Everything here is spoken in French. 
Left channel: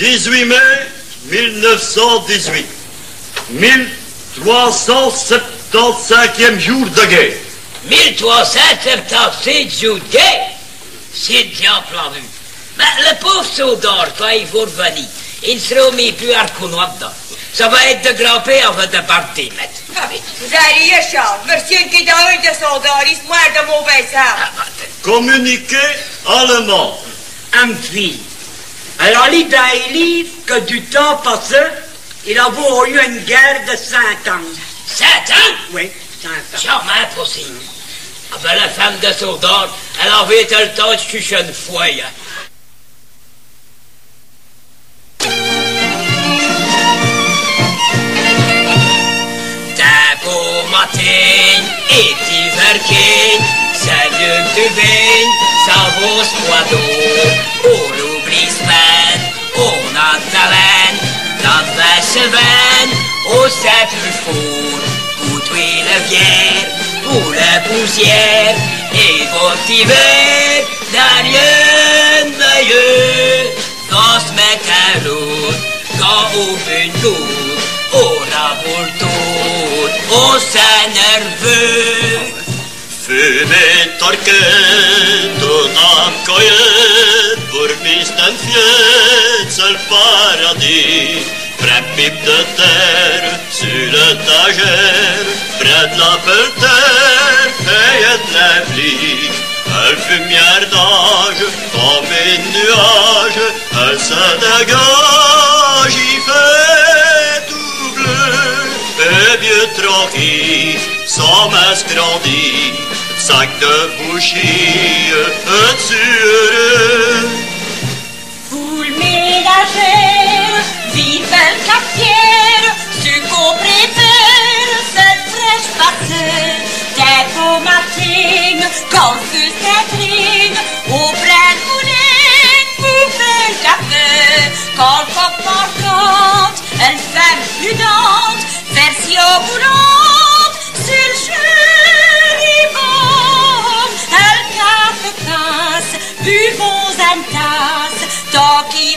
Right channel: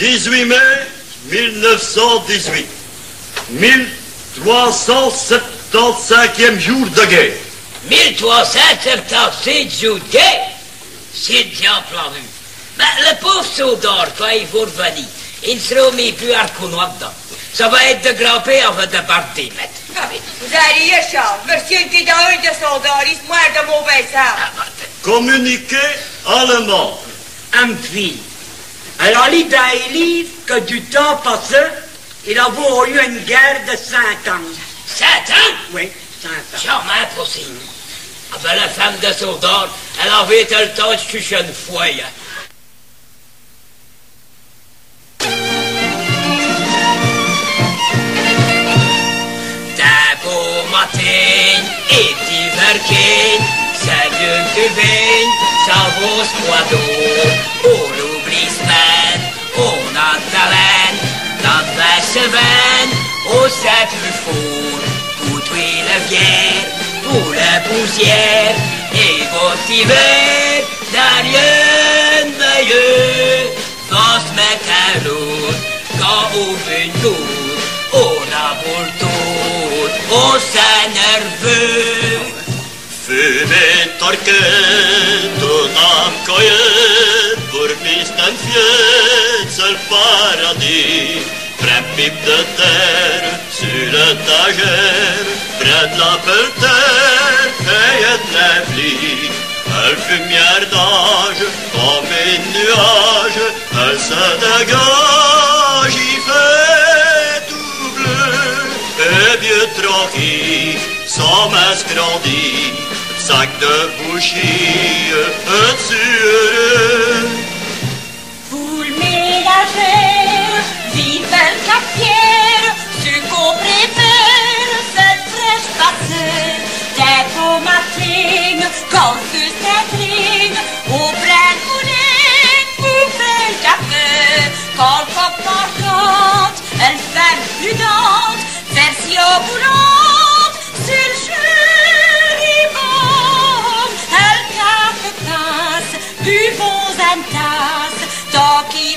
18 mai 1918. 1375e jour de guerre. 1375 jours de guerre? C'est diable en vue. Mais le pauvre soldat, quand il va revenir, il ne sera mis plus à reconnaître dedans. Ça va être de grimper avant de partir, maître. Vous allez, Charles. Monsieur qui est un de soldats, il se moire de mauvais sang. Communiqué allemand. Amphi. Alors, l'idée est que du temps passé, il a eu une guerre de 5 ans. 5 ans? Oui, 5 ans. Jamais possible. Ah ben, la femme de soldat, elle avait le temps de coucher une fois, hein. Matin et verkeen, zijn de wijn, s'avance poideau, on oublie semaine, on a talent, dans vache veine, on sait plus fort, pour tuer la vière, pour la poussière, et votre hiver, derrière meilleur, dans ce mec à l'autre, quand on fait une lourde, on a pour le tour, on s'est nerveux. Fumen torquet, tout afkoyer, pour misten fiet, seul paradis. Près pipe de terre, sur l'étagère, près de la pelletère, et de la flie. Elle fumière d'âge, comme une nuage, elle se dégage, il fait tout bleu, et vieux tranquille, sans masque grandit, sac de bouchie, sur Poule ménagère, vive le capière, ce qu'on préfère, cette fraîche passée, des beaux matines, quand plus Catherine, au plein boulet, poupée le café, quand le pop marquante, elle fait prudente, version boulante, sur le chéribon, elle casse, buvons une tasse, tant qu'il